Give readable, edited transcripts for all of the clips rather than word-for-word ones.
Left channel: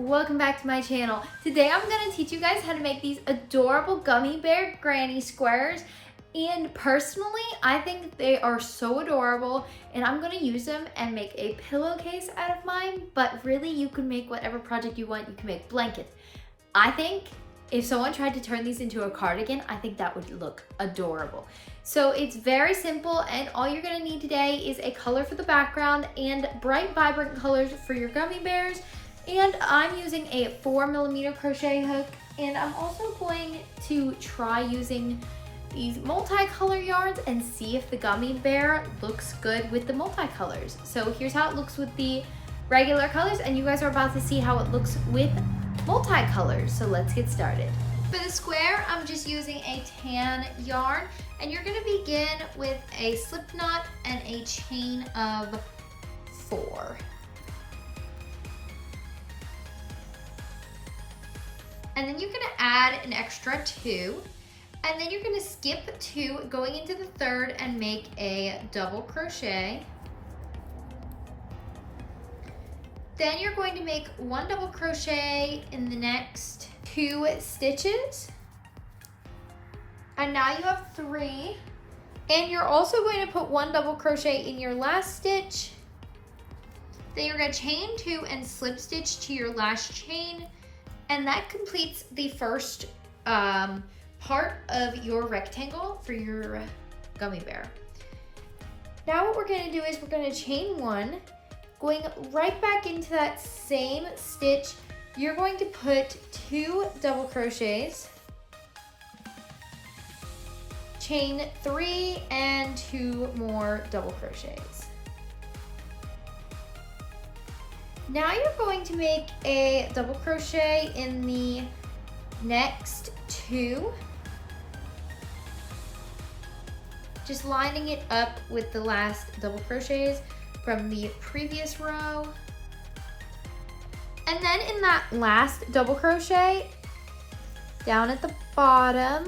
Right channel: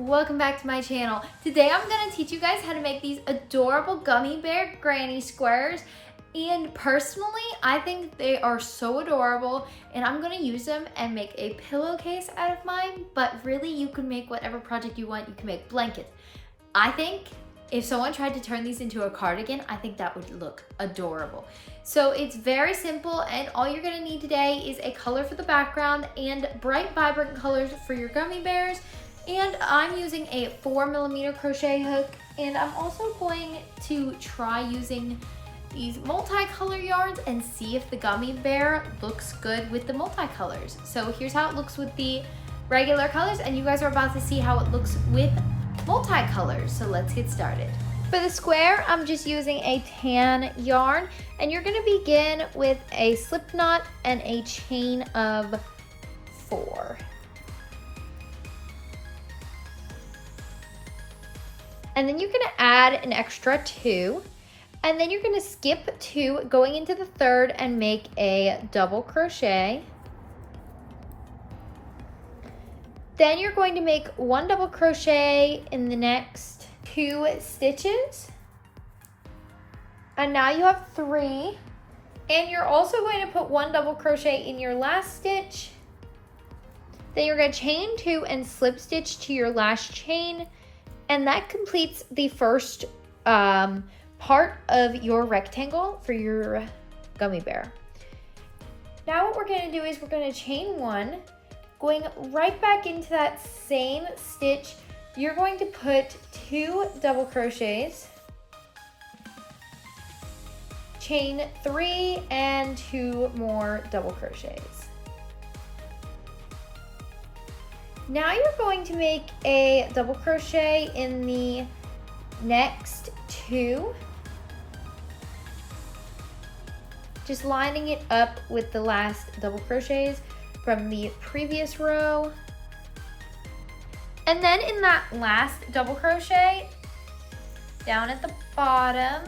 welcome back to my channel. Today I'm going to teach you guys how to make these adorable gummy bear granny squares, and personally I think they are so adorable and I'm going to use them and make a pillowcase out of mine, but really you can make whatever project you want. You can make blankets. I think if someone tried to turn these into a cardigan, I think that would look adorable. So it's very simple, and all you're gonna need today is a color for the background and bright, vibrant colors for your gummy bears. And I'm using a 4mm crochet hook, and I'm also going to try using these multicolor yarns and see if the gummy bear looks good with the multicolors. So here's how it looks with the regular colors, and you guys are about to see how it looks with multicolors. So let's get started. For the square, I'm just using a tan yarn, and you're gonna begin with a slip knot and a chain of 4. And then you're gonna add an extra 2, and then you're gonna skip 2 going into the 3rd and make a double crochet. Then you're going to make 1 double crochet in the next 2 stitches. And now you have 3. And you're also going to put 1 double crochet in your last stitch. Then you're going to chain 2 and slip stitch to your last chain. And that completes the first part of your rectangle for your gummy bear. Now what we're going to do is we're going to chain 1. Going right back into that same stitch, you're going to put 2 double crochets, chain 3 and 2 more double crochets. Now you're going to make a double crochet in the next 2, just lining it up with the last double crochets from the previous row. And then in that last double crochet down at the bottom,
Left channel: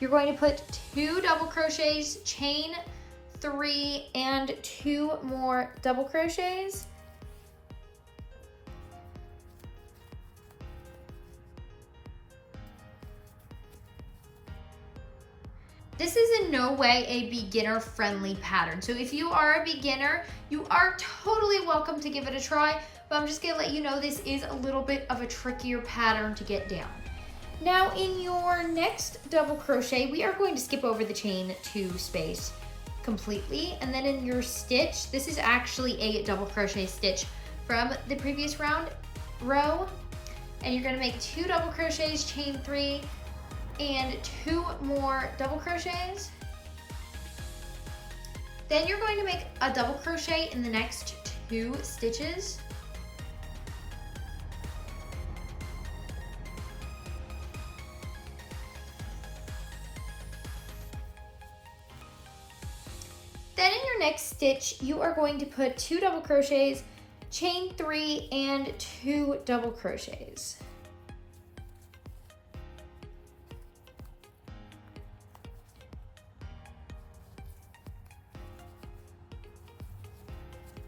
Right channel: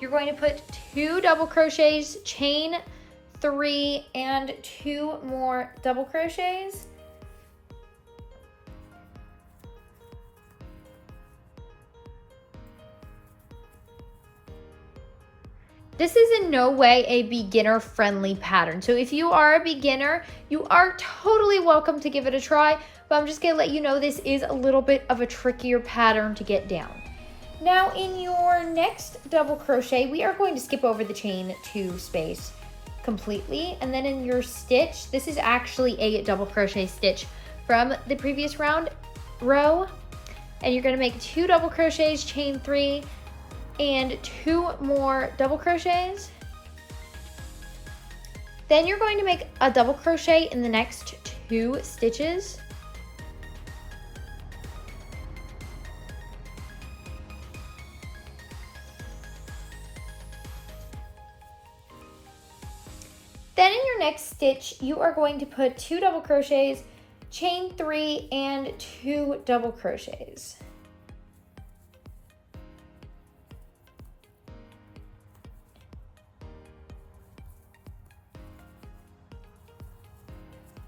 you're going to put 2 double crochets, chain 3 and 2 more double crochets. This is in no way a beginner-friendly pattern. So if you are a beginner, you are totally welcome to give it a try, but I'm just gonna let you know this is a little bit of a trickier pattern to get down. Now in your next double crochet, we are going to skip over the chain 2 space completely. And then in your stitch, this is actually a double crochet stitch from the previous row. And you're gonna make 2 double crochets, chain 3, and 2 more double crochets. Then you're going to make a double crochet in the next 2 stitches. Then in your next stitch, you are going to put 2 double crochets, chain 3 and 2 double crochets.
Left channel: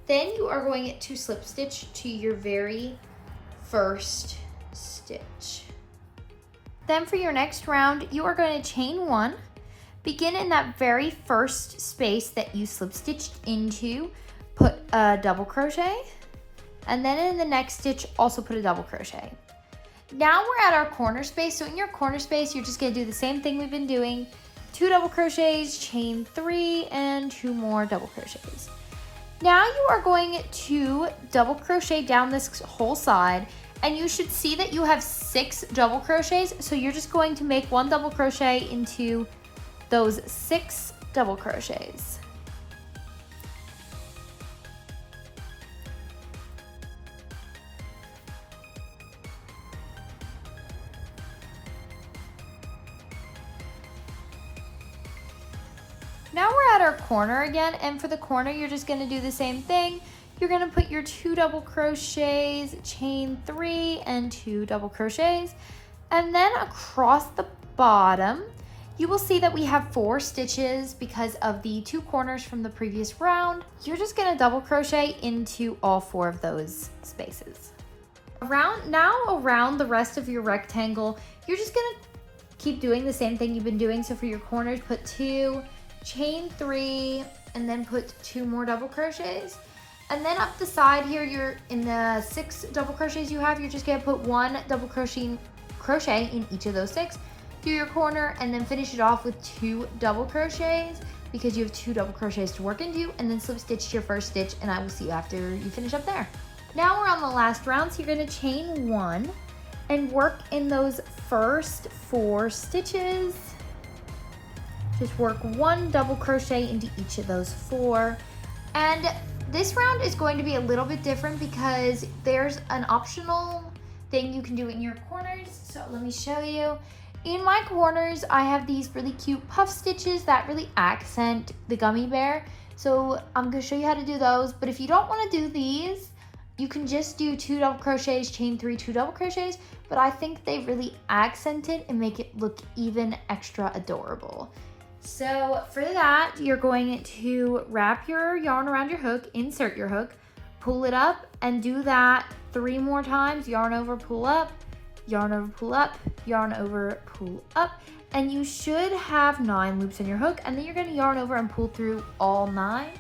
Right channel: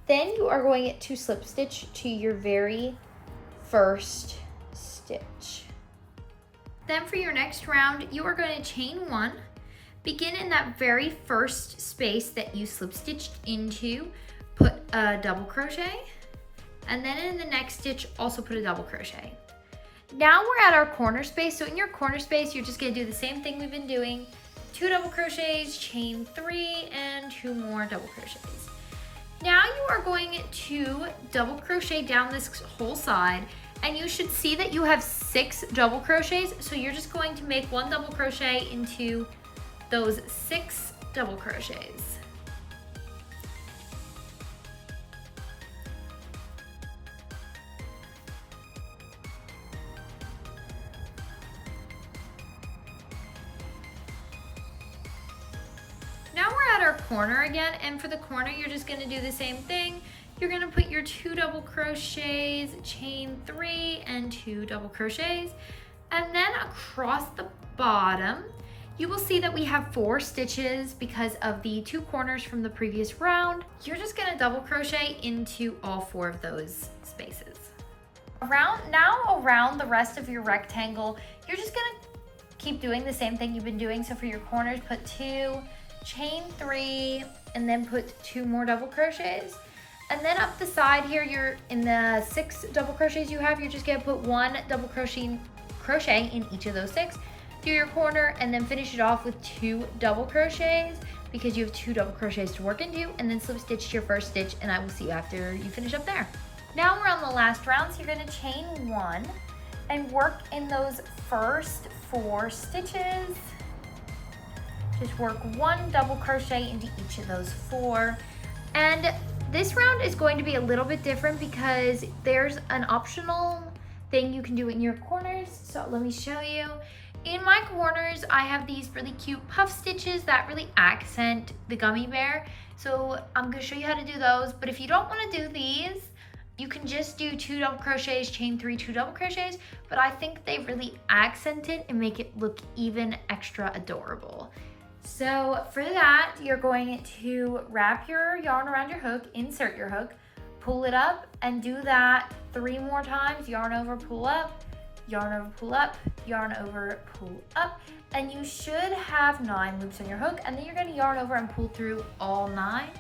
Then you are going to slip stitch to your very first stitch. Then for your next round, you are going to chain 1, begin in that very first space that you slip stitched into, put a double crochet, and then in the next stitch, also put a double crochet. Now we're at our corner space. So in your corner space, you're just gonna do the same thing we've been doing, 2 double crochets, chain 3, and 2 more double crochets. Now you are going to double crochet down this whole side, and you should see that you have 6 double crochets. So you're just going to make 1 double crochet into those 6 double crochets. Now we're at our corner again, and for the corner, you're just gonna do the same thing. You're gonna put your 2 double crochets, chain 3 and 2 double crochets, and then across the bottom, you will see that we have 4 stitches because of the 2 corners from the previous round. You're just gonna double crochet into all 4 of those spaces. Around the rest of your rectangle, you're just gonna keep doing the same thing you've been doing. So for your corners, put 2, chain 3, and then put 2 more double crochets. And then up the side here, you're in the 6 double crochets you have, you're just gonna put 1 double crochet in each of those 6. Do your corner and then finish it off with 2 double crochets because you have 2 double crochets to work into, and then slip stitch your first stitch, and I will see you after you finish up there. Now we're on the last round, so you're gonna chain 1 and work in those first 4 stitches. Just work 1 double crochet into each of those 4. And this round is going to be a little bit different because there's an optional thing you can do in your corners. So let me show you. In my corners, I have these really cute puff stitches that really accent the gummy bear. So I'm gonna show you how to do those. But if you don't wanna do these, you can just do 2 double crochets, chain 3, 2 double crochets, but I think they really accent it and make it look even extra adorable. So for that, you're going to wrap your yarn around your hook, insert your hook, pull it up, and do that 3 more times. Yarn over, pull up, yarn over, pull up, yarn over, pull up, and you should have 9 loops in your hook, and then you're gonna yarn over and pull through all 9.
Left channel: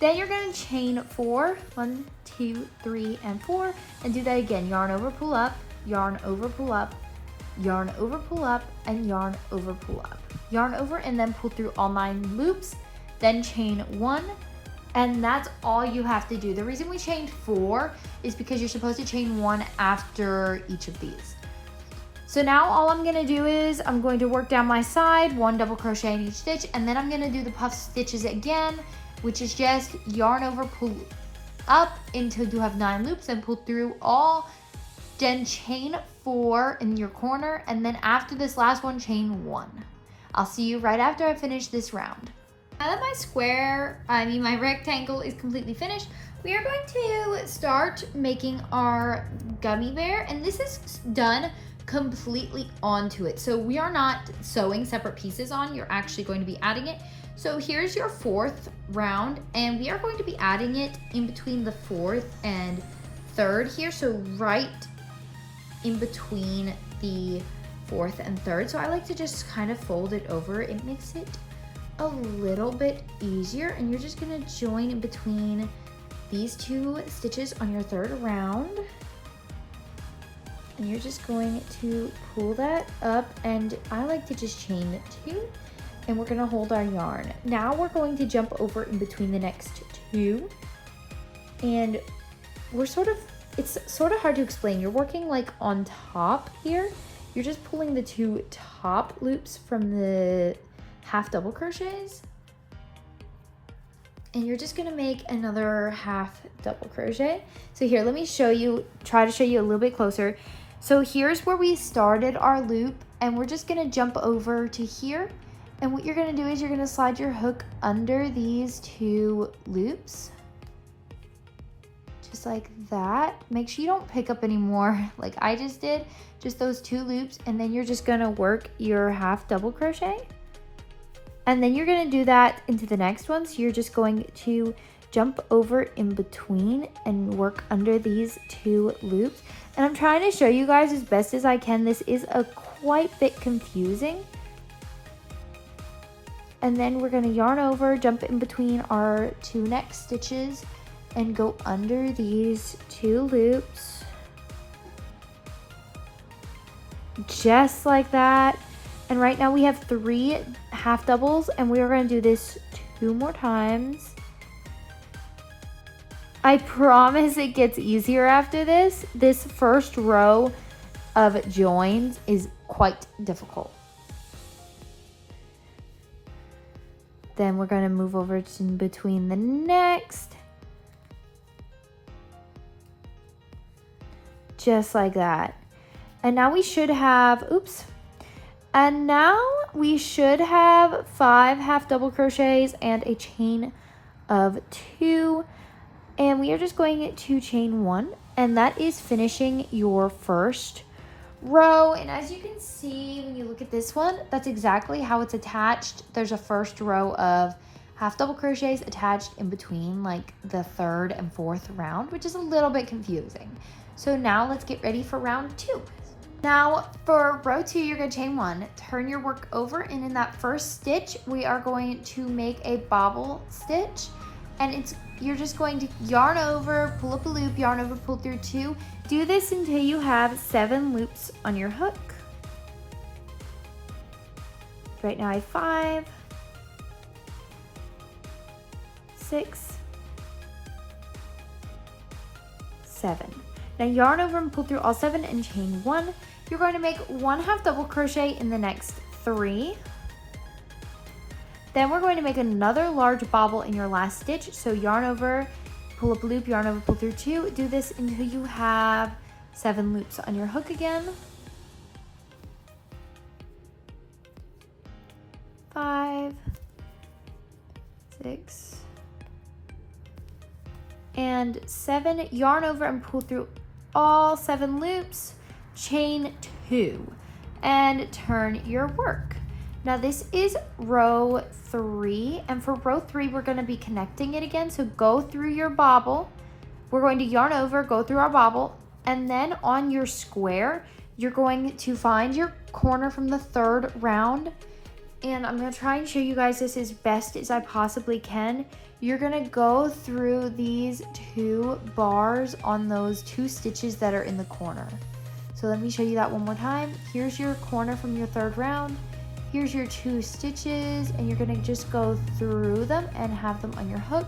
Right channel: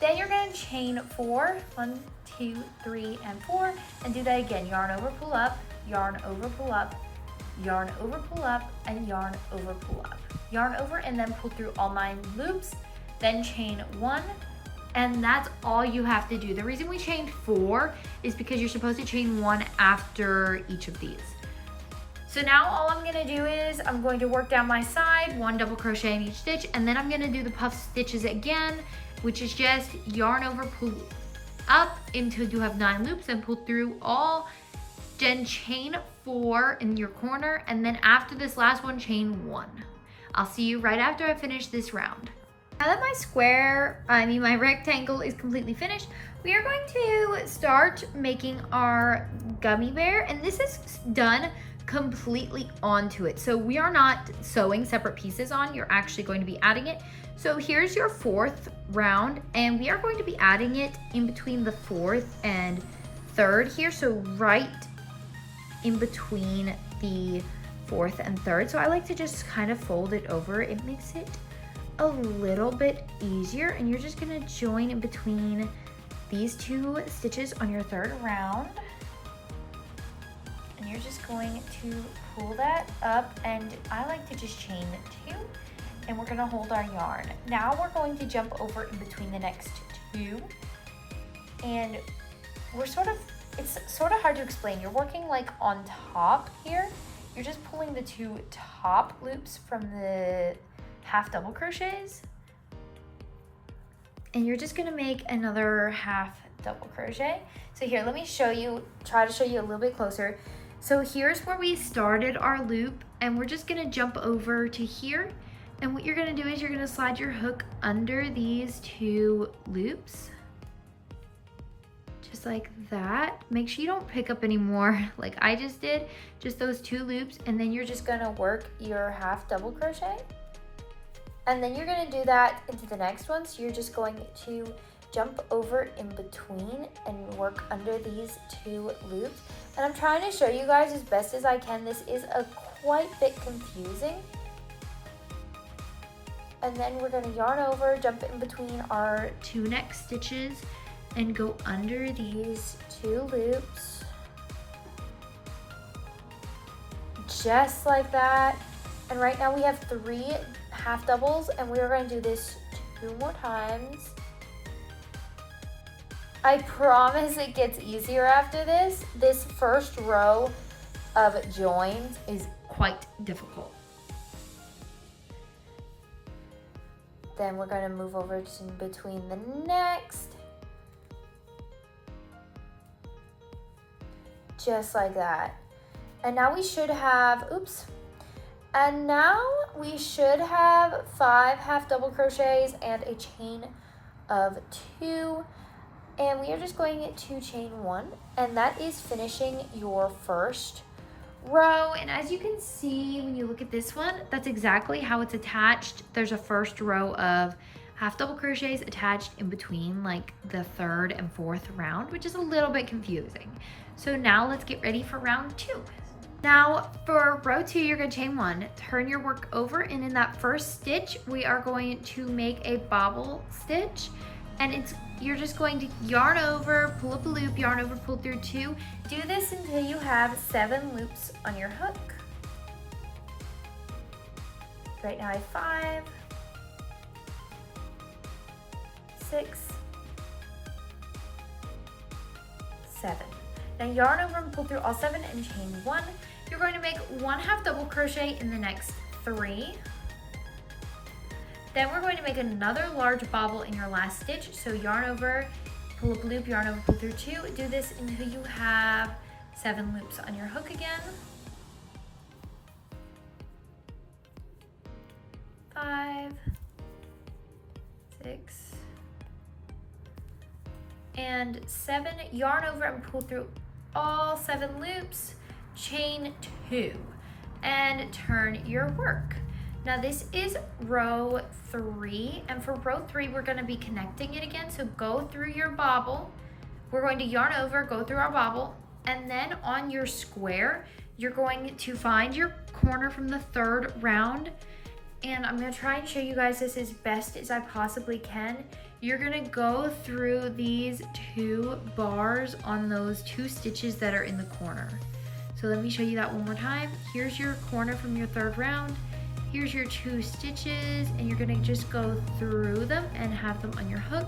Then you're gonna chain 4, 1, 2, 3, and 4, and do that again. Yarn over, pull up, yarn over, pull up, yarn over, pull up, and yarn over, pull up. Yarn over and then pull through all 9 loops, then chain 1, and that's all you have to do. The reason we chained 4 is because you're supposed to chain 1 after each of these. So now all I'm gonna do is I'm going to work down my side, 1 double crochet in each stitch, and then I'm gonna do the puff stitches again, which is just yarn over, pull up until you have 9 loops and pull through all, then chain 4 in your corner, and then after this last one, chain 1. I'll see you right after I finish this round. Now that my rectangle is completely finished, we are going to start making our gummy bear, and this is done completely onto it. So we are not sewing separate pieces on, you're actually going to be adding it. So here's your 4th round, and we are going to be adding it in between the 4th and 3rd here, so right in between the 4th and 3rd. So I like to just kind of fold it over. It makes it a little bit easier, and you're just gonna join in between these 2 stitches on your 3rd round, and you're just going to pull that up, and I like to just chain 2, and we're gonna hold our yarn. Now we're going to jump over in between the next 2, and it's sort of hard to explain. You're working like on top here. You're just pulling the 2 top loops from the half double crochets, and you're just gonna make another half double crochet. So here, let me try to show you a little bit closer. So here's where we started our loop, and we're just gonna jump over to here, and what you're gonna do is you're gonna slide your hook under these 2 loops, just like that. Make sure you don't pick up any more like I just did, just those 2 loops, and then you're just gonna work your half double crochet, and then you're gonna do that into the next one. So you're just going to jump over in between and work under these 2 loops, and I'm trying to show you guys as best as I can. This is a quite bit confusing. And then we're gonna yarn over, jump in between our 2 next stitches, and go under these 2 loops, just like that. And right now we have 3 half doubles, and we are going to do this 2 more times. I promise it gets easier after this. This first row of joins is quite difficult. Then we're going to move over to between the next, just like that. And now we should have, and now we should have 5 half double crochets and a chain of 2, and we are just going to chain 1, and that is finishing your first row. And as you can see when you look at this one, that's exactly how it's attached. There's a first row of half double crochets attached in between like the 3rd and 4th round, which is a little bit confusing. So now let's get ready for round 2. Now for row 2, you're gonna chain 1, turn your work over, and in that first stitch, we are going to make a bobble stitch, and you're just going to yarn over, pull up a loop, yarn over, pull through 2. Do this until you have 7 loops on your hook. Right now I have 5, 6, 7. Now yarn over and pull through all 7 and chain 1. You're going to make 1 half double crochet in the next 3. Then we're going to make another large bobble in your last stitch. So yarn over, pull up a loop, yarn over, pull through 2. Do this until you have 7 loops on your hook again. 5, 6, and 7. Yarn over and pull through all 7 loops, chain 2, and turn your work. Now this is row 3, and for row 3 we're going to be connecting it again. So go through your bobble, we're going to yarn over, go through our bobble, and then on your square you're going to find your corner from the 3rd round, and I'm going to try and show you guys this as best as I possibly can. You're going to go through these 2 bars on those 2 stitches that are in the corner. So let me show you that one more time. Here's your corner from your 3rd round. Here's your 2 stitches, and you're going to just go through them and have them on your hook.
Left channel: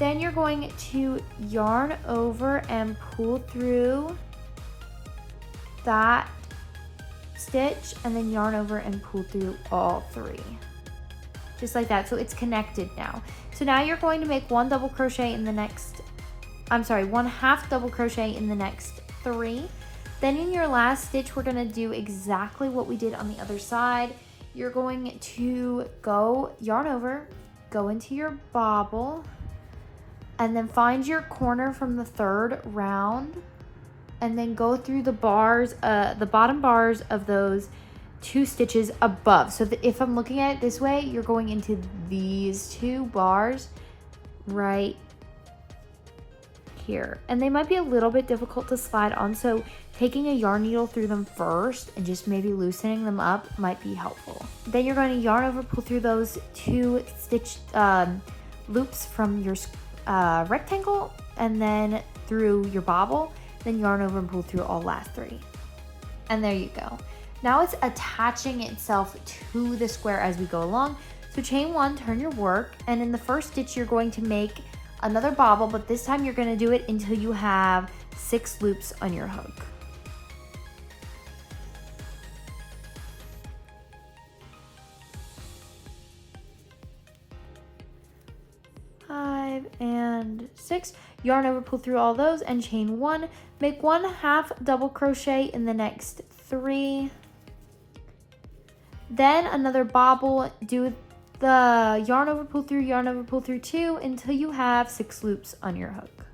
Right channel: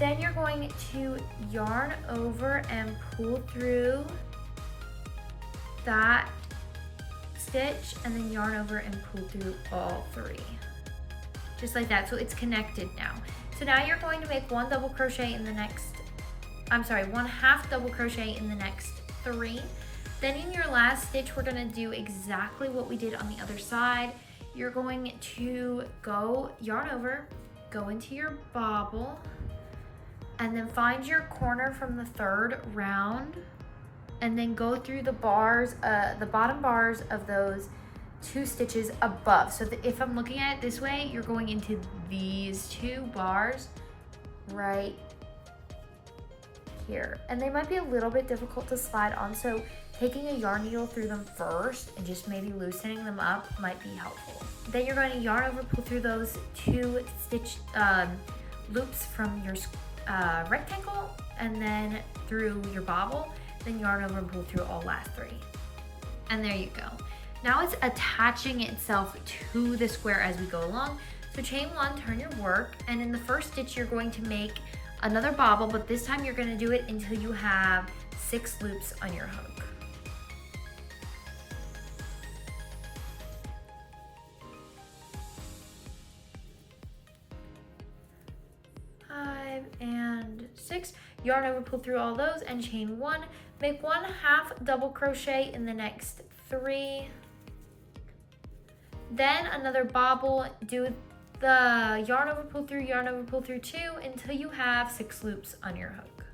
Then you're going to yarn over and pull through that stitch, and then yarn over and pull through all 3. Just like that, so it's connected now. So now you're going to make 1 double crochet in the next, 1 half double crochet in the next 3. Then in your last stitch, we're gonna do exactly what we did on the other side. You're going to go yarn over, go into your bobble, and then find your corner from the 3rd round, and then go through the bars, the bottom bars of those 2 stitches above. So that if I'm looking at it this way, you're going into these 2 bars right here. And they might be a little bit difficult to slide on, so taking a yarn needle through them first and just maybe loosening them up might be helpful. Then you're going to yarn over, pull through those 2 stitch loops from your rectangle, and then through your bobble, then yarn over and pull through all last 3. And there you go. Now it's attaching itself to the square as we go along. So chain 1, turn your work, and in the first stitch you're going to make another bobble, but this time you're going to do it until you have 6 loops on your hook. And 6, yarn over, pull through all those, and chain 1. Make 1 half double crochet in the next 3. Then another bobble, do the yarn over, pull through 2 until you have 6 loops on your hook.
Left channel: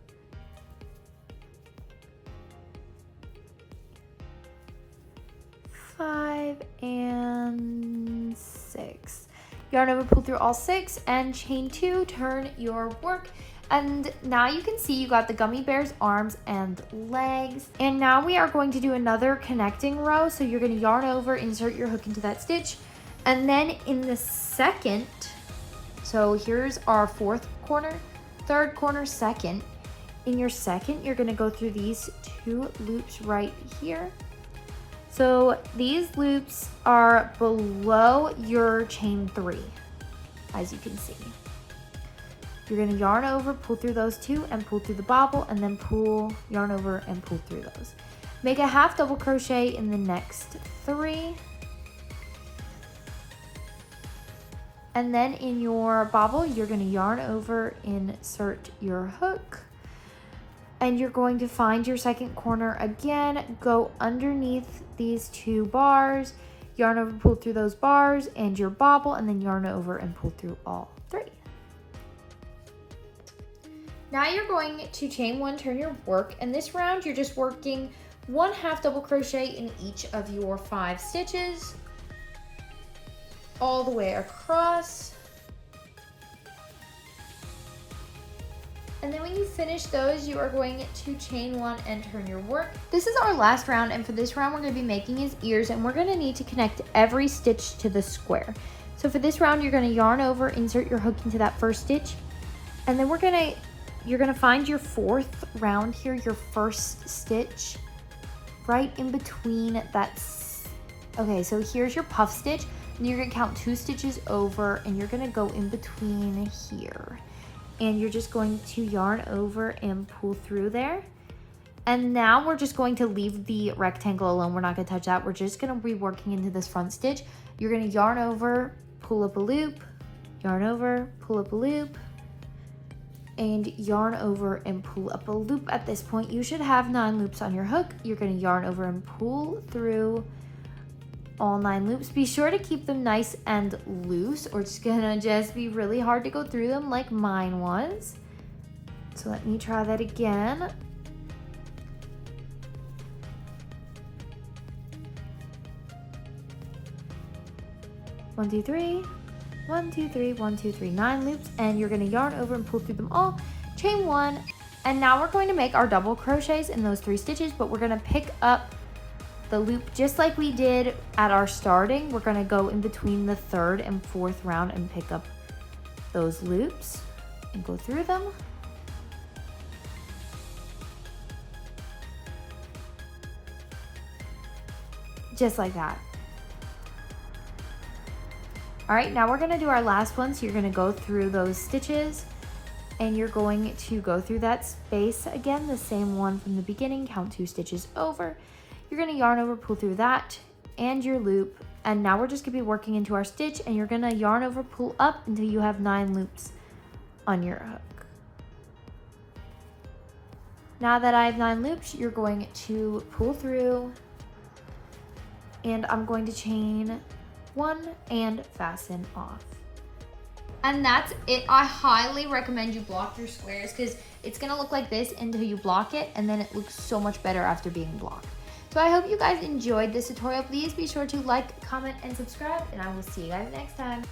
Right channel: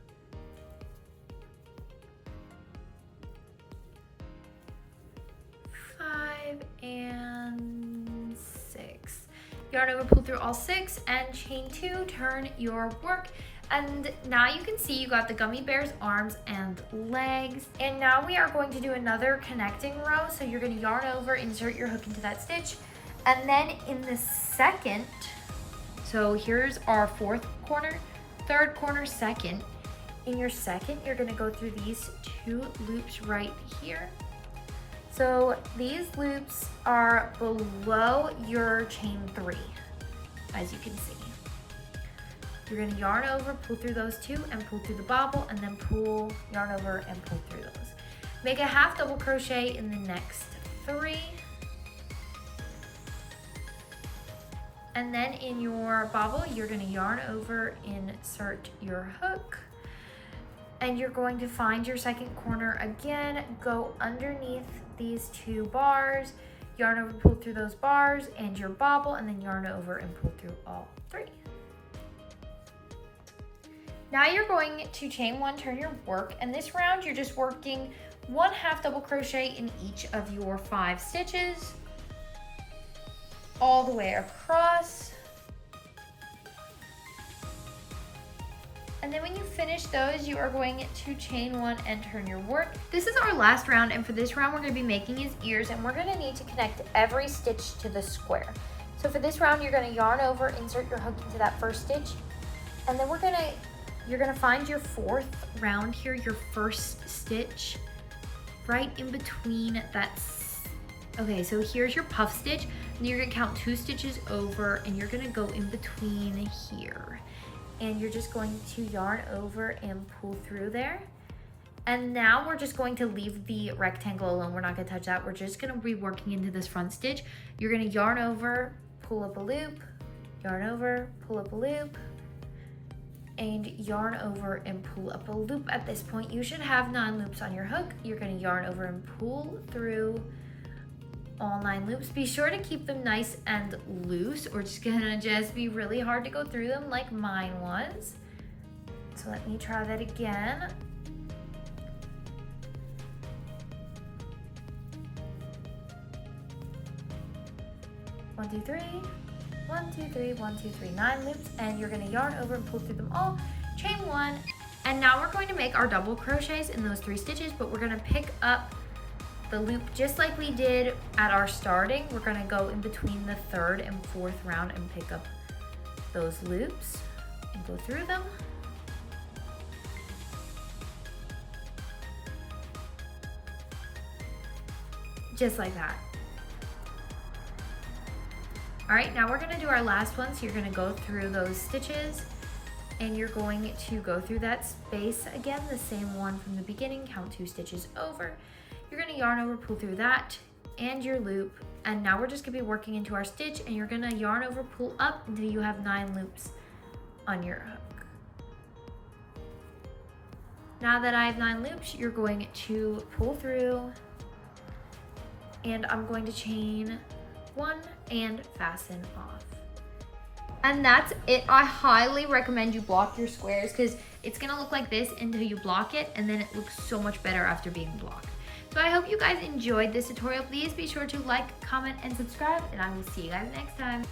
Five and 6. Yarn over, pull through all 6, and chain 2, turn your work. And now you can see you got the gummy bear's arms and legs. And now we are going to do another connecting row. So you're going to yarn over, insert your hook into that stitch. And then in the second, so here's our 4th corner, 3rd corner, 2nd. In your 2nd, you're going to go through these 2 loops right here. So these loops are below your chain 3, as you can see. You're going to yarn over, pull through those 2, and pull through the bobble, and then pull, yarn over, and pull through those. Make a half double crochet in the next 3. And then in your bobble, you're going to yarn over, insert your hook, and you're going to find your 2nd corner again, go underneath these 2 bars, yarn over, pull through those bars, and your bobble, and then yarn over and pull through all 3. Now you're going to chain 1, turn your work, and this round you're just working 1 half double crochet in each of your 5 stitches all the way across. And then when you finish those, you are going to chain 1 and turn your work. This is our last round, and for this round, we're gonna be making his ears, and we're gonna need to connect every stitch to the square. So for this round, you're gonna yarn over, insert your hook into that first stitch, and then you're gonna find your 4th round here, your first stitch, right in between that. Okay, so here's your puff stitch, and you're gonna count 2 stitches over, and you're gonna go in between here. And you're just going to yarn over and pull through there. And now we're just going to leave the rectangle alone. We're not gonna touch that. We're just gonna be working into this front stitch. You're gonna yarn over, pull up a loop, yarn over, pull up a loop, and yarn over and pull up a loop. At this point, you should have 9 loops on your hook. You're gonna yarn over and pull through all 9 loops. Be sure to keep them nice and loose, or it's gonna just be really hard to go through them like mine was. So let me try that again. One, two, three. 1, 2, 3, 1, 2, 3, 9 loops, and you're gonna yarn over and pull through them all, chain 1, and now we're going to make our double crochets in those 3 stitches, but we're gonna pick up the loop just like we did at our starting. We're gonna go in between the 3rd and 4th round and pick up those loops and go through them. Just like that. All right, now we're gonna do our last one. So you're gonna go through those stitches, and you're going to go through that space again, the same one from the beginning, count 2 stitches over. You're gonna yarn over, pull through that and your loop, and now we're just gonna be working into our stitch, and you're gonna yarn over, pull up until you have 9 loops on your hook. Now that I have 9 loops, you're going to pull through, and I'm going to chain 1 and fasten off. And that's it. I highly recommend you block your squares because it's gonna look like this until you block it, and then it looks so much better after being blocked. So I hope you guys enjoyed this tutorial. Please be sure to like, comment, and subscribe, and I will see you guys next time.